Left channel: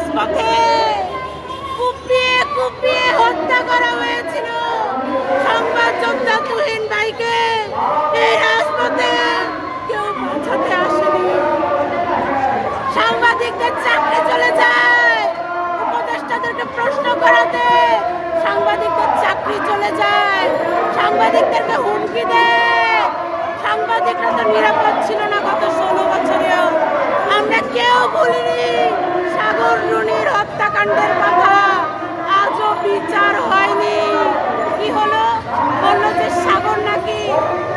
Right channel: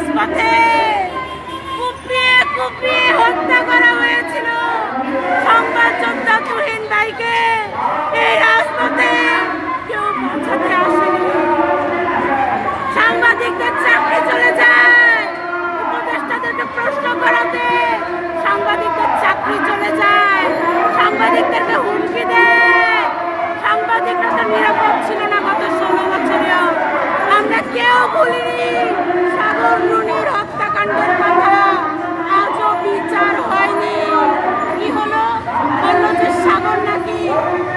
রাজপথে কুপিয়ে কুপিয়ে হত্যা করা হয়েছিল সংবাদ যোদ্ধা তুহিন ভাইকে। এই রাজপথে কেউ বাঁচাতে আসেনি। সাংবাদিকদের চাকরি চলে যায়, উপদেষ্টাদেরকে প্রশ্ন করাতে সাংবাদিকদের চাকরি চলে যায়, সাংবাদিকদেরকে হুমকি দেয়। সাংবাদিকরা তো নিরাপদ ছিল না গত 16 বছরেও। আমরা কেউ ভুলিনি সাগর রুনির হত্যাকাণ্ডের কথা, আজও বিচার হয়নি। কি হলো? বললো যে সাগর নাকি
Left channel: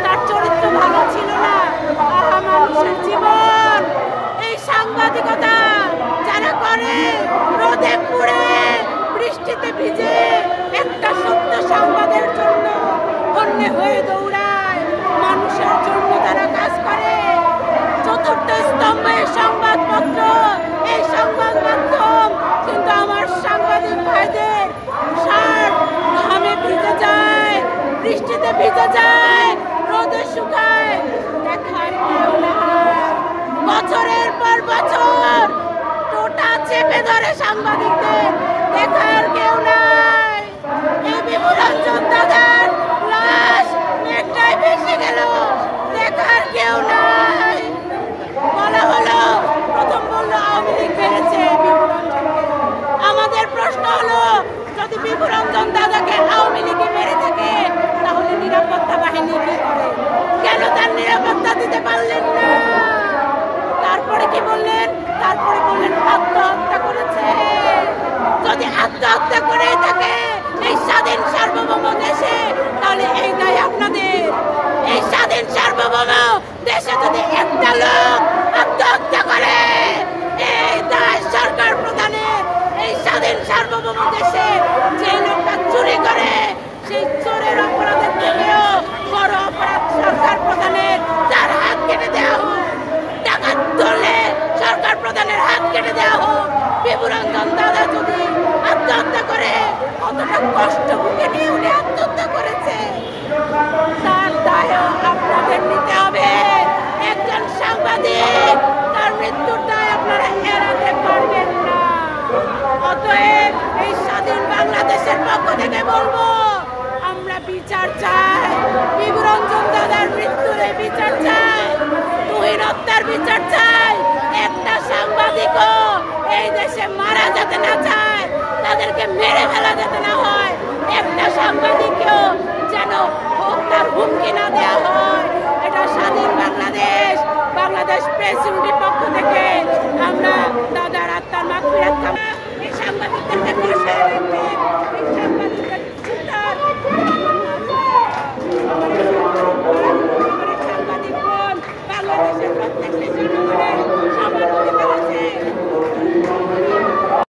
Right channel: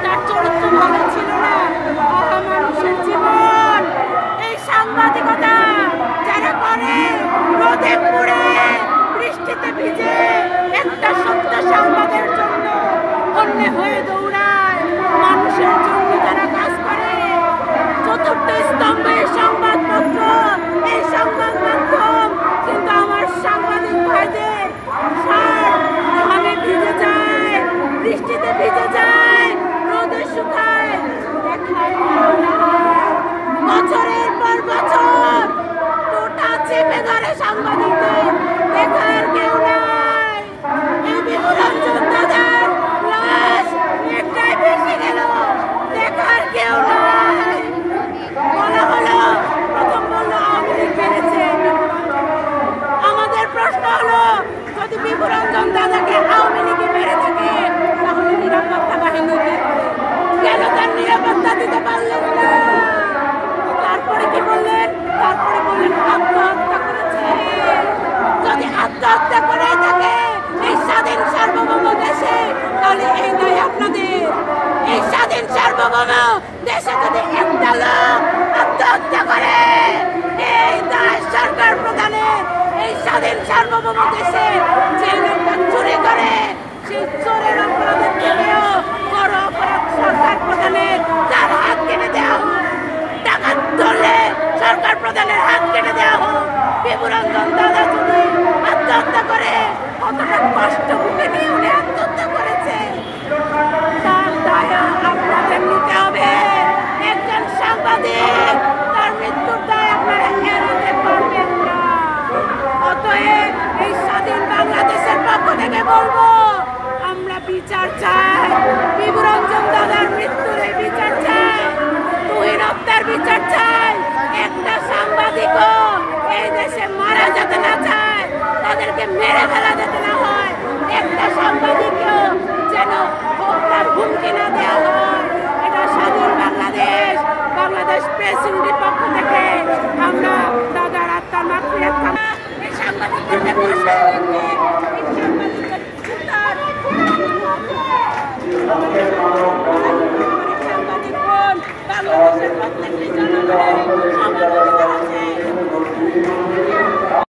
তার চরিত্র ভালো ছিল না। আহা, মানুষের জীবন। এই সাংবাদিকতা যারা করে, রোদে পুড়ে বৃষ্টিতে ভিজে একটা সত্য সংবাদের জন্য অন্যে হয়ে দৌড়ায়, মানুষের জন্য তারা কাজ করে। চতুর্থ স্তম্ভের সংবাদপত্র, এই সংবাদ মাধ্যম, কিন্তু আমার সাংবাদিক ভাইদের ঘামে ভিজে যায়, বৃষ্টিতে ভিজে যায়, রোদে শুকায়, দেখার কেউ নাই। বছরের পর বছর টোটা চেপে ধরে সাংবাদিকদের, দেখার কেউ নাই। এই বিপুরঞ্জন দাদার লাশ একটাই ভেসে গেল, দেখার কেউ নাই। বলা হলো, প্রথম বললো আওয়ামী লীগ মেরেছে। আমাদের প্রশ্ন হলো, যদি বিপুরঞ্জন দাদাকে আওয়ামী লীগ মেরে থাকে তাহলে নিরাপত্তা বাহিনী কি করে? কেন তার নিরাপত্তা দিতে পারলেন না? তারপরে কি বললেন? তারপরে বললেন আত্মহত্যা করেছে। যদি আত্মহত্যা করেই থাকে এই স্বাধীন সার্বভৌম দেশে, তাহলে এই দায় আপনাদের। এই স্বাধীন সার্বভৌম দেশে যদি একটা লোক আত্মহত্যা করে, এই দায় সরকার প্রধানের। এই স্বাধীন সার্বভৌম দেশে যে লোকটা চুরি করে, সেই চোরের অপরাধের থেকেও বড় অপরাধ সরকার প্রধানের, তার হাত কেটে দেওয়া হোক। ডাকাত ধরলে সরকার প্রধানের হাত কেটে দেওয়া হোক। বিপুরঞ্জন দাদা যদি আত্মহত্যা করে, কতটা কষ্ট বুকে নিয়ে উনি আত্মহত্যা করেছে, তার দায় আপনাদের নিতে হবে। একজন সাংবাদিক, তার মৃত্যুর দায় আপনারা এড়াতে পারবেন না। অতএব এই স্বাধীন বাংলাদেশের পক্ষ থেকে বলবো, আমরা বিচার চাই। বিপুরঞ্জন দাদার মৃত্যুর এই বিচার চাই, তুহিন হত্যার বিচার চাই। একটা সাংবাদিকও এই দেশে মারা যেতে না চায়, তাদেরকে মেরে ফেলা যেতে না হয়। একটা সাংবাদিকও যেন হত্যার হুমকি না দেওয়া হয়। এটা স্বাধীন বাংলাদেশ, বাংলাদেশ প্রেস ইউনিটির পক্ষ থেকে আমরা দাদার আত্মার মাগফিরাত কামনা। এই সাংবাদিকদেরকে বসায় রাখবে, এই সাংবাদিকদের চিন্তার সাংবাদিক বোন, বাংলাদেশের প্রত্যেকটি জনগণের সমান অধিকার আছে।